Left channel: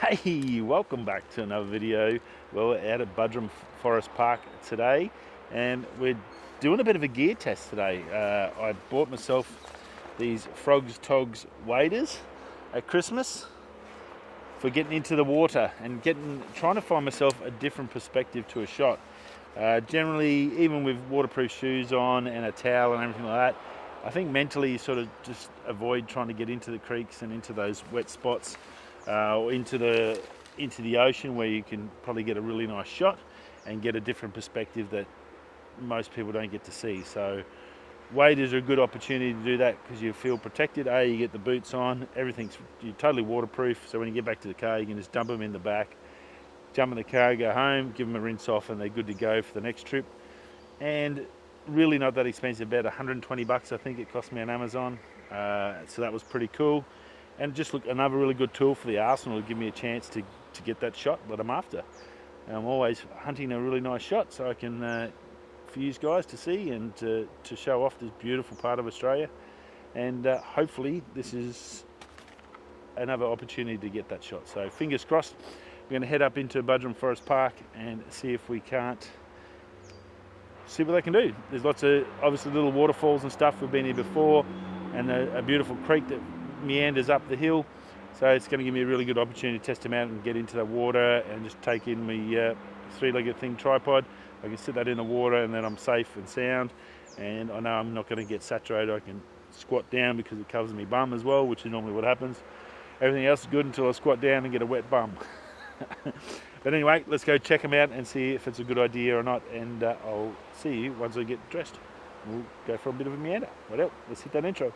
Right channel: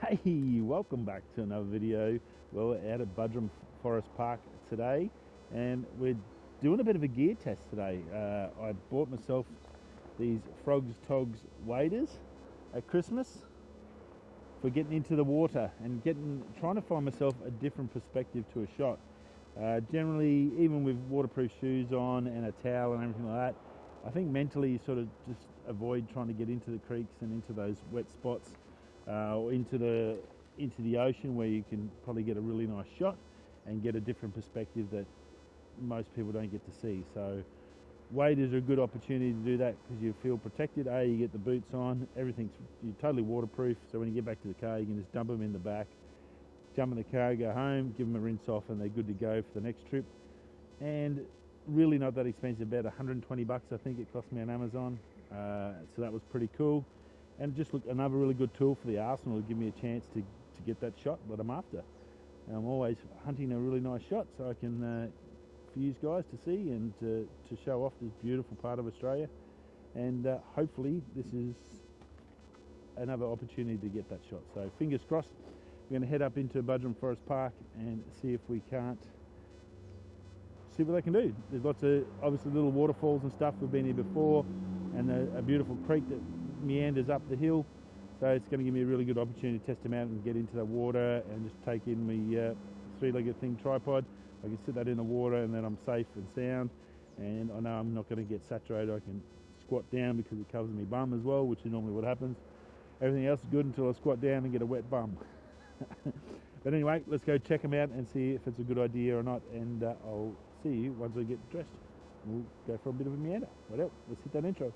Hey, welcome back to another video. Well, we're out at Budrum Forest Park today, and we're doing a bit of a gear test today. I bought myself these Frogs Togs waders at Christmas for getting into the water and trying to find myself a different perspective to a shot. Generally, even with waterproof shoes on and a towel and everything like that, I think mentally you sort of just avoid trying to get into the creeks and into those wet spots. Or into the ocean, where you can probably get a really nice shot and get a different perspective that most people don't get to see. So waders are a good opportunity to do that because you feel protected. You get the boots on, you're totally waterproof, so when you get back to the car you can just dump them in the back, jump in the car, go home, give them a rinse off, and they're good to go for the next trip. And really not that expensive, about 120 bucks I think it cost me on Amazon. So that was pretty cool. And just look, another really good tool for the arsenal to give me a chance to get that shot that I'm after. I'm always hunting a really nice shot so I can, for you guys to see and to show off this beautiful part of Australia. And hopefully this is another opportunity to get that shot. So fingers crossed. We're going to head up into Budrum Forest Park and see if we can't see what they can do. There's lots of obviously little waterfalls and stuff. We've been here before, and a beautiful creek that meanders up the hill, so it's going to give me a really good opportunity to test them out and get into the water and just take in my three-legged thing tripod. I can sit that in the water and then I'm safe and sound, and I know I'm not going to get saturated. I can squat down because it covers me bum as well, which is normally what happens. Everything else is good until I squat down and get a wet bum. But anyway, let's go check them out and see if it's a good idea or not, and I'll see you once I get dressed. We'll go for a bit of a meander. Well, let's hit that intro.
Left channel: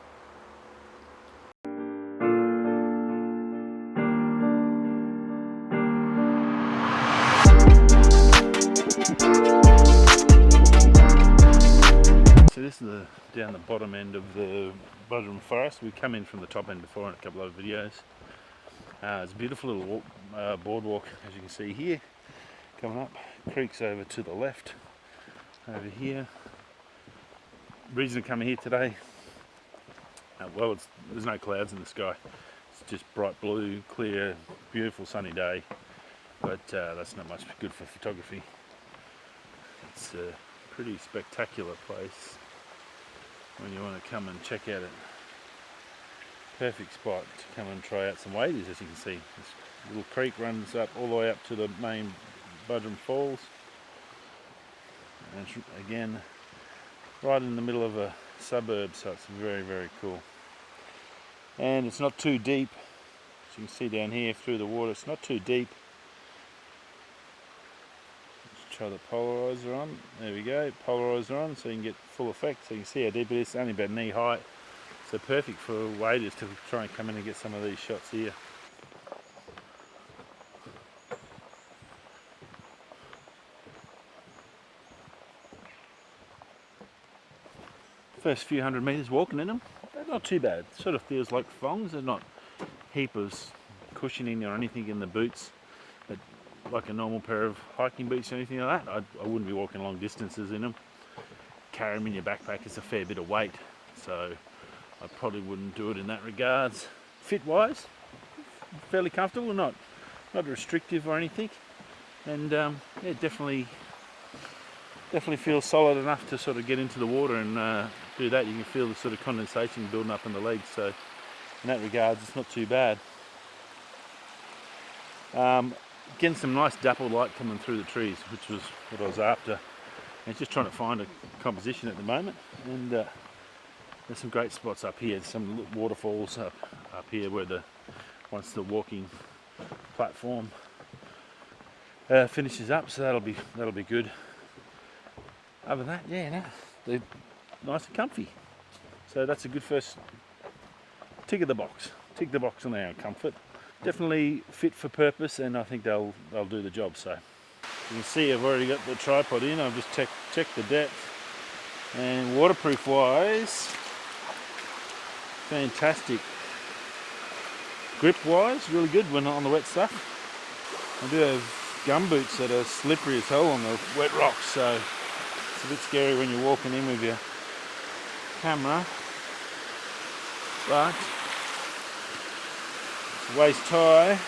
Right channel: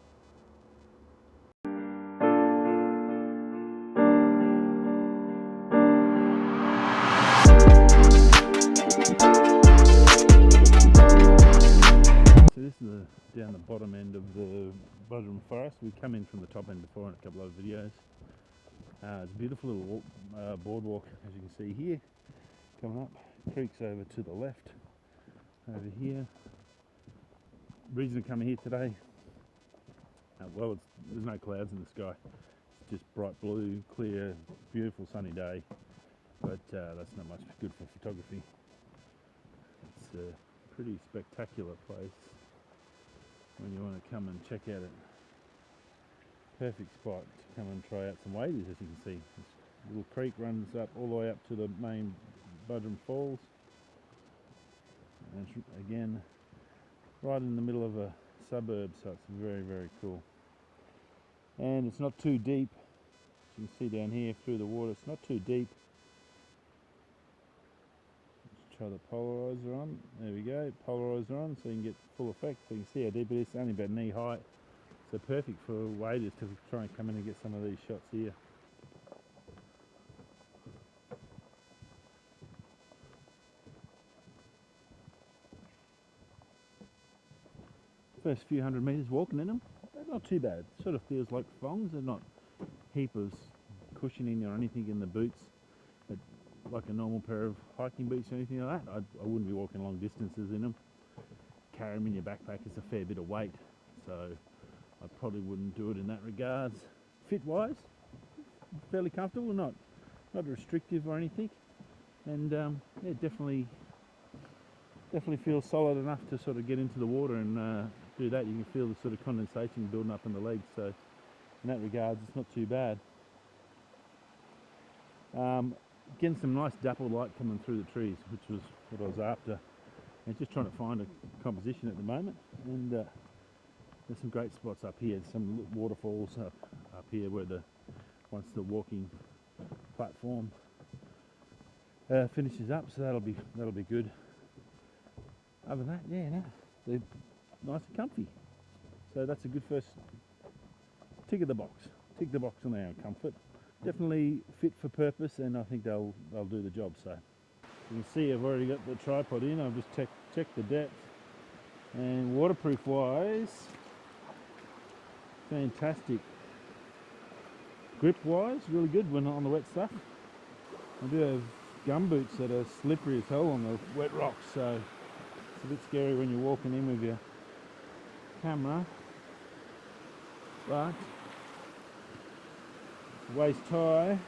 So this is down the bottom end of the Budrum Forest. We've come in from the top end before in a couple of videos. It's a beautiful little boardwalk, as you can see here. Coming up, creek's over to the left, over here. Reason to come here today, there's no clouds in the sky. It's just bright blue, clear, beautiful sunny day. But that's not much good for photography. It's a pretty spectacular place when you want to come and check out it. Perfect spot to come and try out some waders. As you can see, this little creek runs up all the way up to the main Budrum Falls, and it's, again, right in the middle of a suburb, so it's very, very cool. And it's not too deep, as you can see down here through the water. It's not too deep. Let's try the polarizer on. There we go, polarizer on, so you can get full effect. So you can see how deep it is. It's only about knee height. So perfect for waders to try and come in and get some of these shots here. First few hundred metres walking in them, they're not too bad. It sort of feels like thongs. They're not heap of cushioning or anything in the boots, but like a normal pair of hiking boots or anything like that. I wouldn't be walking long distances in them. Carry them in your backpack is a fair bit of weight, so I probably wouldn't do it in that regards. Fit wise, fairly comfortable, not restrictive or anything, and yeah, definitely feels solid enough to sort of get into the water and do that. You can feel the sort of condensation building up in the legs, so in that regards it's not too bad. Getting some nice dapple light coming through the trees, which was what I was after, and just trying to find a composition at the moment. And there's some great spots up here. Some waterfalls up here where once the walking platform finishes up, so that'll be good. Other than that, yeah, no, they're nice and comfy. So that's a good first tick of the box. Tick the box on their own comfort. Definitely fit for purpose, and I think they'll do the job. So you can see I've already got the tripod in. I've just checked the depth, and waterproof wise, fantastic. Grip wise, really good when on the wet stuff. I do have gum boots that are slippery as hell on the wet rocks, so it's a bit scary when you're walking in with your camera, but it's waist high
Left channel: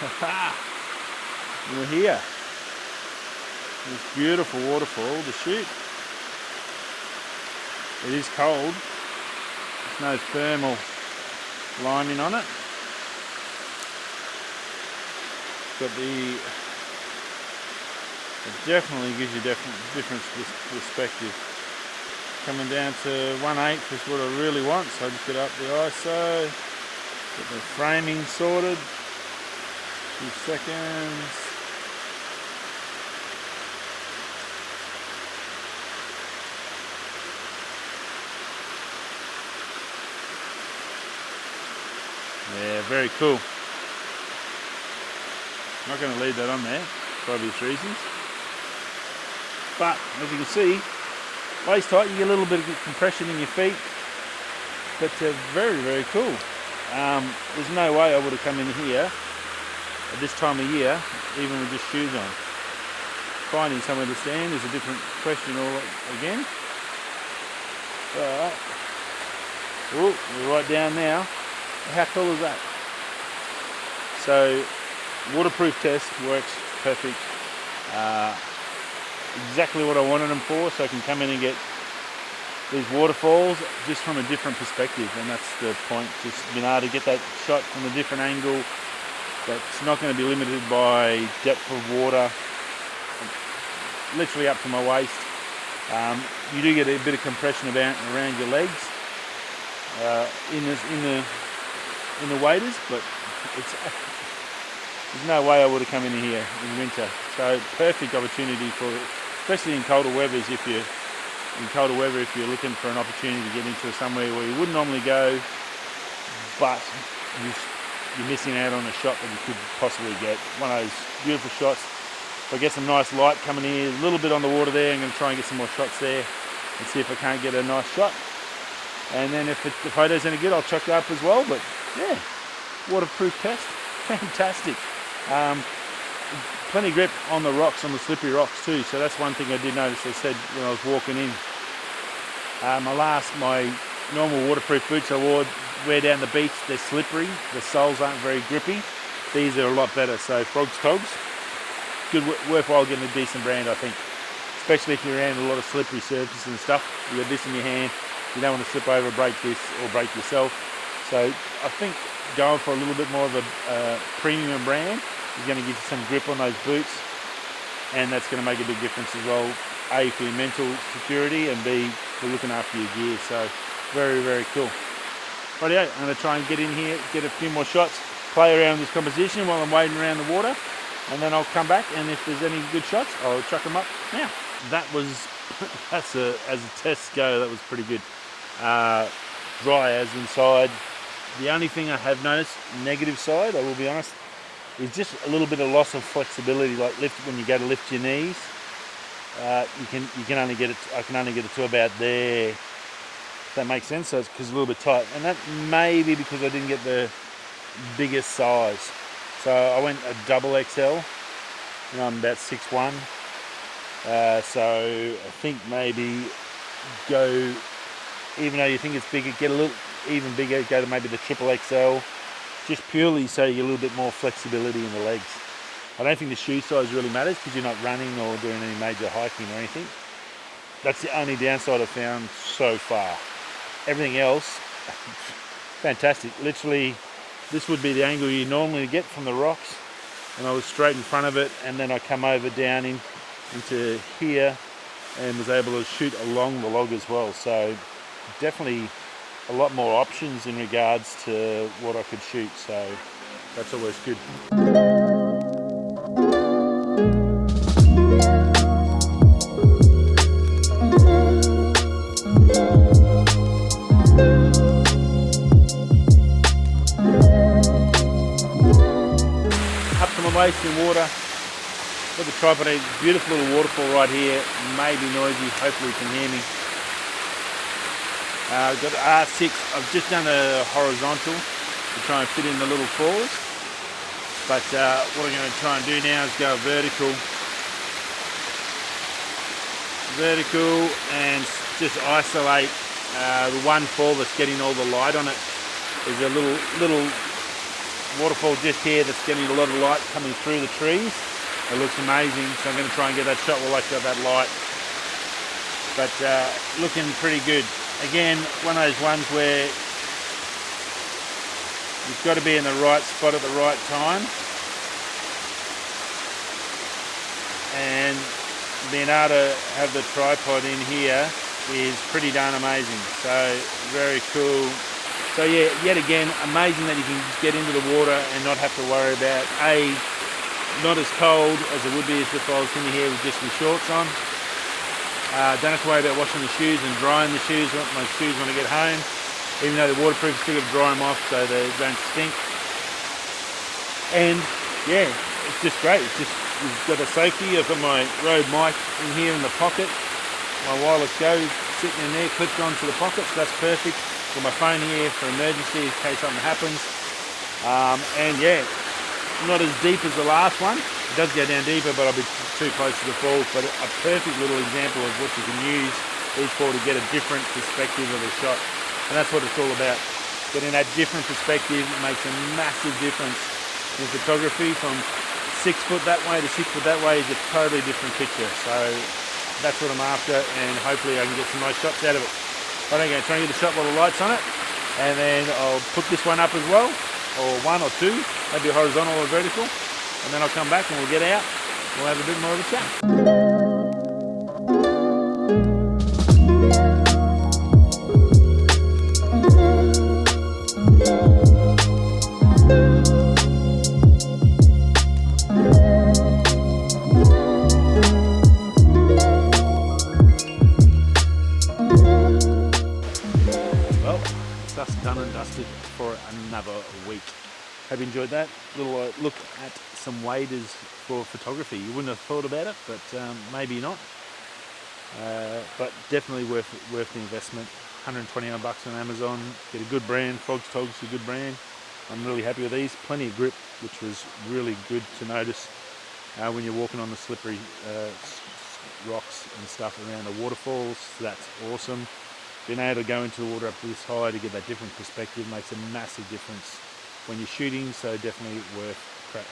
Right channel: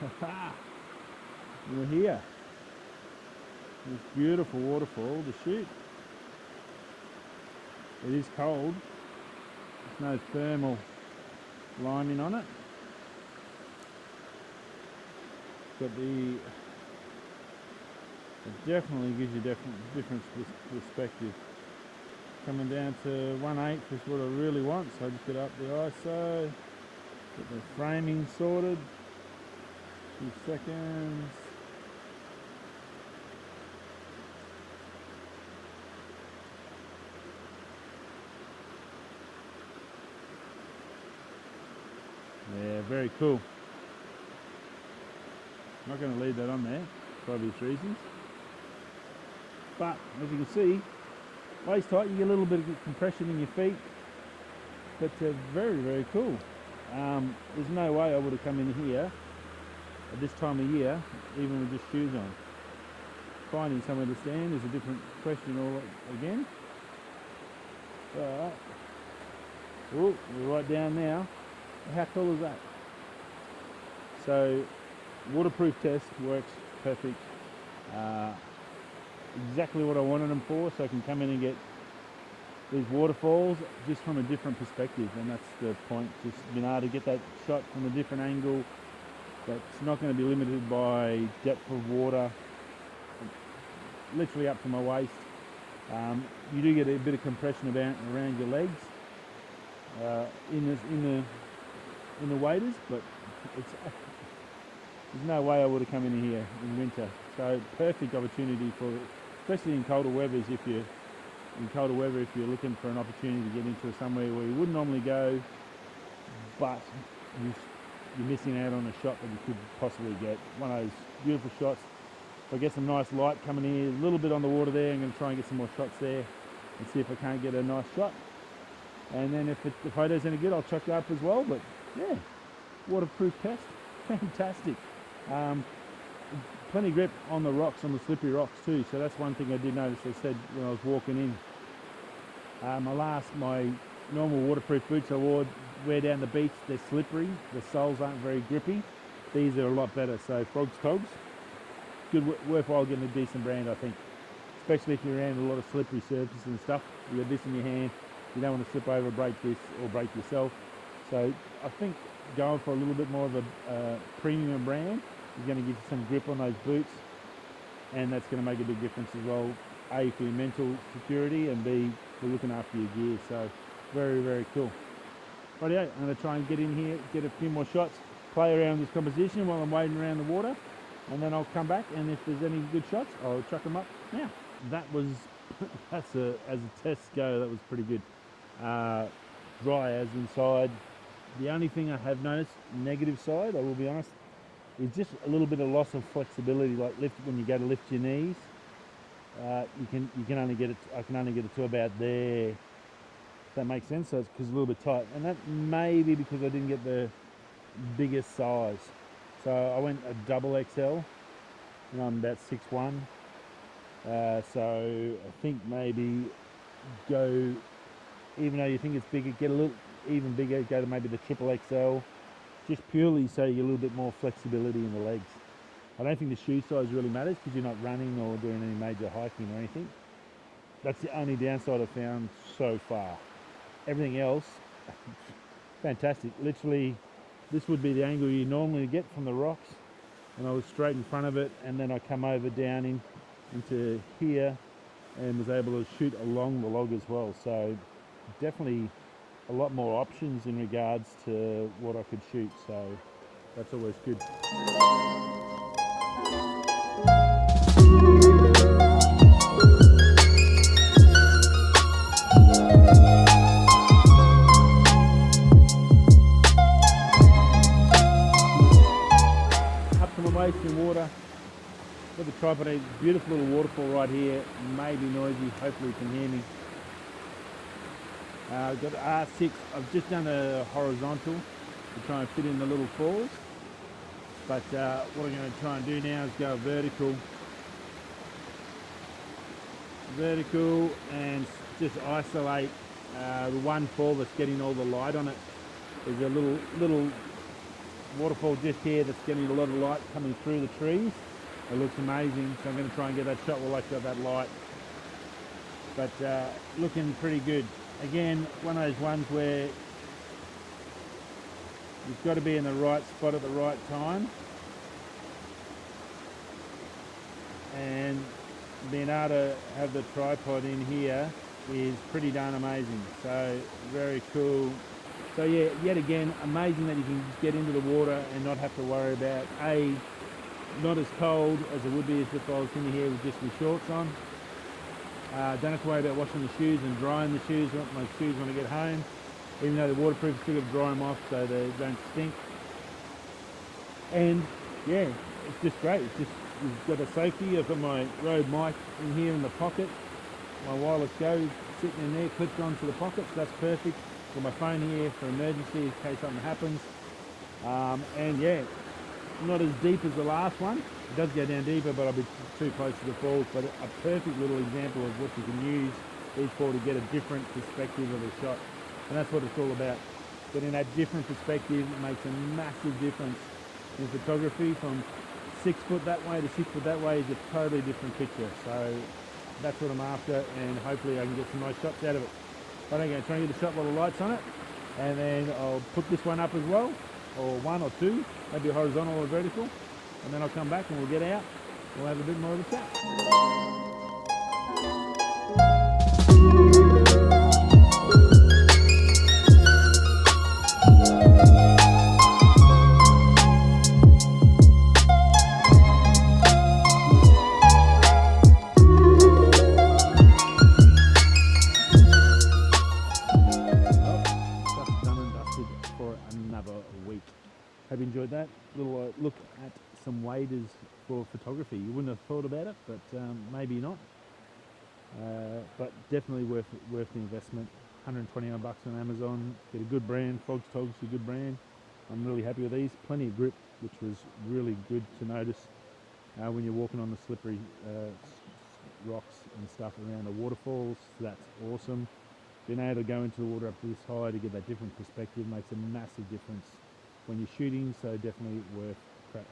We're here. This beautiful waterfall to shoot. It is cold. There's no thermal lining on it. Got the. It definitely gives you different perspective. Coming down to 1/8 is what I really want, so I just get up the ISO, get the framing sorted. 2 seconds. Yeah, very cool. I'm not going to leave that on there for obvious reasons. But as you can see, waist height, you get a little bit of compression in your feet. But very, very cool. There's no way I would have come in here at this time of year, even with just shoes on. Finding somewhere to stand is a different question all again. But, oh, we're right down now. How cool is that? So, waterproof test works perfect. Exactly what I wanted them for, so I can come in and get these waterfalls just from a different perspective, and that's the point. Just being able to get that shot from a different angle. That's not going to be limited by depth of water, literally up to my waist. You do get a bit of compression around your legs in the waders, but there's no way I would have come in here in winter. So perfect opportunity for, especially in colder weathers, if you're looking for an opportunity to get into somewhere where you wouldn't normally go, but you're missing out on a shot that you could possibly get. One of those beautiful shots. If I get some nice light coming here, a little bit on the water there, I'm going to try and get some more shots there and see if I can't get a nice shot. And then if the photo's any good, I'll chuck it up as well. But yeah, waterproof test, fantastic. Plenty of grip on the rocks, on the slippery rocks too. So that's one thing I did notice. I said when I was walking in, my normal waterproof boots I wear down the beach, they're slippery. The soles aren't very grippy. These are a lot better. So Frogs Togs, good, worthwhile getting a decent brand, I think. Especially if you're around a lot of slippery surfaces and stuff. You got this in your hand. You don't want to slip over, break this, or break yourself. So I think going for a little bit more of a premium brand is going to give you some grip on those boots, and that's going to make a big difference as well. A, for your mental security, and B, for looking after your gear. So very, very cool. Rightio, I'm going to try and get in here, get a few more shots, play around with this composition while I'm wading around the water, and then I'll come back, and if there's any good shots, I'll chuck them up now. That was, as a test go, that was pretty good. Dry as inside. The only thing I have noticed, negative side, I will be honest, is just a little bit of loss of flexibility. Like when you go to lift your knees, you can only get it. I can only get it to about there. If that makes sense. So it's because it's a little bit tight, and that may be because I didn't get the biggest size. So I went a double XL, and I'm about 6'1". So I think maybe go, even though you think it's bigger, get a little even bigger, go to maybe the triple XL, just purely so you get a little bit more flexibility in the legs. I don't think the shoe size really matters because you're not running or doing any major hiking or anything. That's the only downside I've found so far. Everything else, fantastic. Literally, this would be the angle you normally get from the rocks, and I was straight in front of it, and then I come over down into here and was able to shoot along the log as well. So definitely a lot more options in regards to what I could shoot, so that's always good. Up to my waist in water. Got the tripod, a beautiful little waterfall right here. May be noisy, hopefully you can hear me. I've got R6, I've just done a horizontal to try and fit in the little falls. But what I'm going to try and do now is go vertical. Vertical and just isolate the one fall that's getting all the light on it. There's a little waterfall just here that's getting a lot of light coming through the trees. It looks amazing, so I'm going to try and get that shot while I got that light. But looking pretty good. Again, one of those ones where you've got to be in the right spot at the right time, and being able to have the tripod in here is pretty darn amazing. So very cool. So yeah, yet again, amazing that you can just get into the water and not have to worry about not as cold as it would be as if I was in here with just my shorts on. Don't have to worry about washing the shoes and drying the shoes. My shoes when I get home, even though they're waterproof, still got to dry them off so they don't stink. And yeah, it's just great. It's just, you've got the safety. I've got my Rode mic in here in the pocket. My wireless Go sitting in there, clipped onto the pocket, so that's perfect. Got my phone here for emergency in case something happens. And yeah, not as deep as the last one. It does go down deeper, but I'll be too close to the falls. But a perfect little example of what you can use these for to get a different perspective of a shot. And that's what it's all about. Getting that different perspective makes a massive difference in photography. From 6 foot that way to 6 foot that way is a totally different picture. So that's what I'm after, and hopefully I can get some nice shots out of it. I'm going to try and get a shot while the light's on it, and then I'll put this one up as well, or one or two, maybe horizontal or vertical, and then I'll come back and we'll get out. We'll have a bit more of a chat. For another week. Hope you enjoyed that little look at some waders for photography. You wouldn't have thought about it, but maybe not. But definitely worth the investment. $129 on Amazon. Get a good brand. Frogs Togs, a good brand. I'm really happy with these. Plenty of grip, which was really good to notice when you're walking on the slippery rocks and stuff around the waterfalls. So that's awesome. Being able to go into the water up this high to get that different perspective makes a massive difference when you're shooting, so definitely worth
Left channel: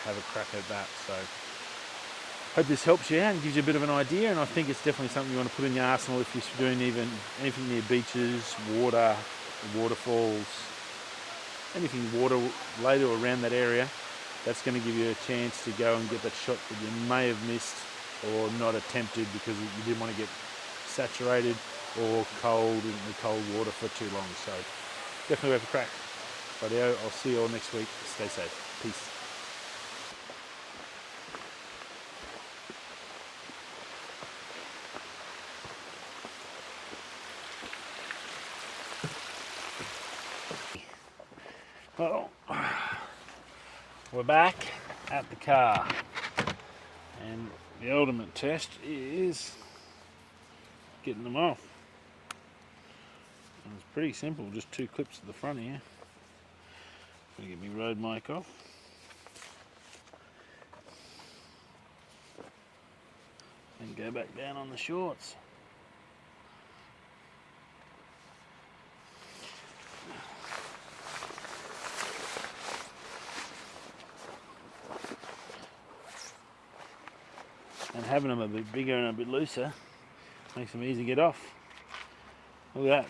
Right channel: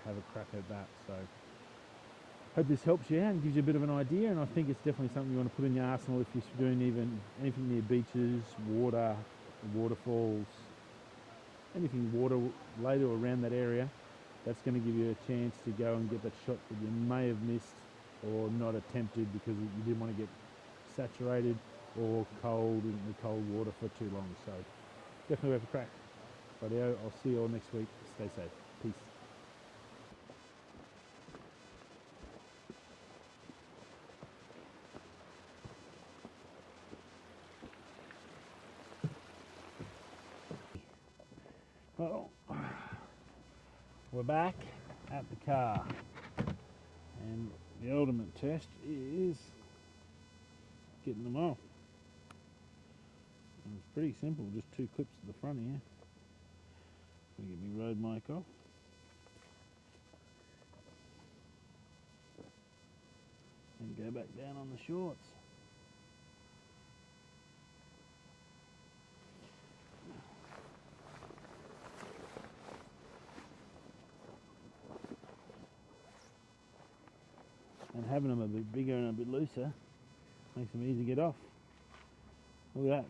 have a crack at that. So hope this helps you out and gives you a bit of an idea, and I think it's definitely something you want to put in your arsenal if you're doing even anything near beaches, water, waterfalls, anything water later or around that area. That's going to give you a chance to go and get that shot that you may have missed or not attempted because you didn't want to get saturated or cold in the cold water for too long. So definitely worth a crack. Rightio, I'll see you all next week. Stay safe. Peace. Well, we're back at the car, and the ultimate test is getting them off. And it's pretty simple, just 2 clips at the front here. Gonna get my Rode mic off. And go back down on the shorts. And having them a bit bigger and a bit looser makes them easy to get off. Look at that,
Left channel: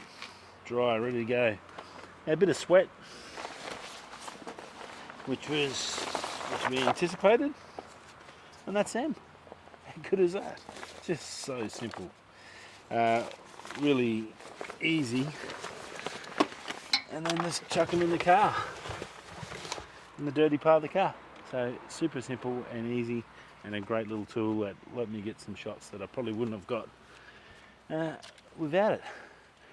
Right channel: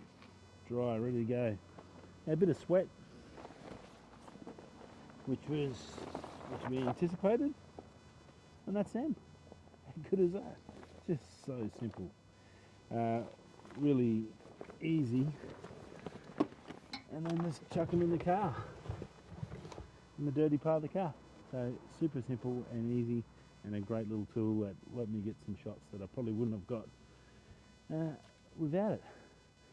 dry, ready to go. A bit of sweat, which we anticipated, and that's them. How good is that? Just so simple, really easy. And then just chuck them in the car, in the dirty part of the car. So super simple and easy, and a great little tool that let me get some shots that I probably wouldn't have got without it.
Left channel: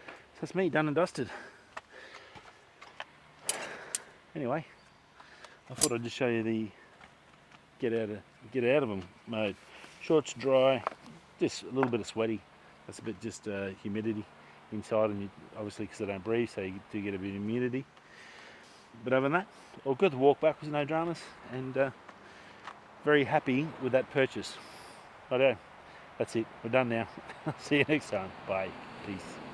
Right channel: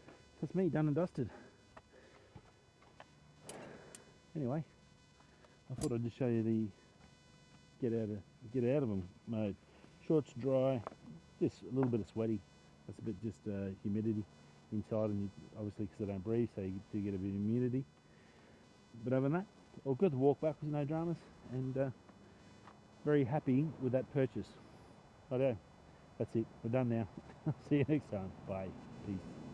So that's me, done and dusted. Anyway, I thought I'd just show you the get out of them mode. Shorts dry, just a little bit of sweaty. That's a bit just humidity inside, and obviously because I don't breathe, so you do get a bit of humidity. But other than that, all good. The walk back was no dramas, and very happy with that purchase. Righto, that's it. We're done now. See you next time. Bye. Peace.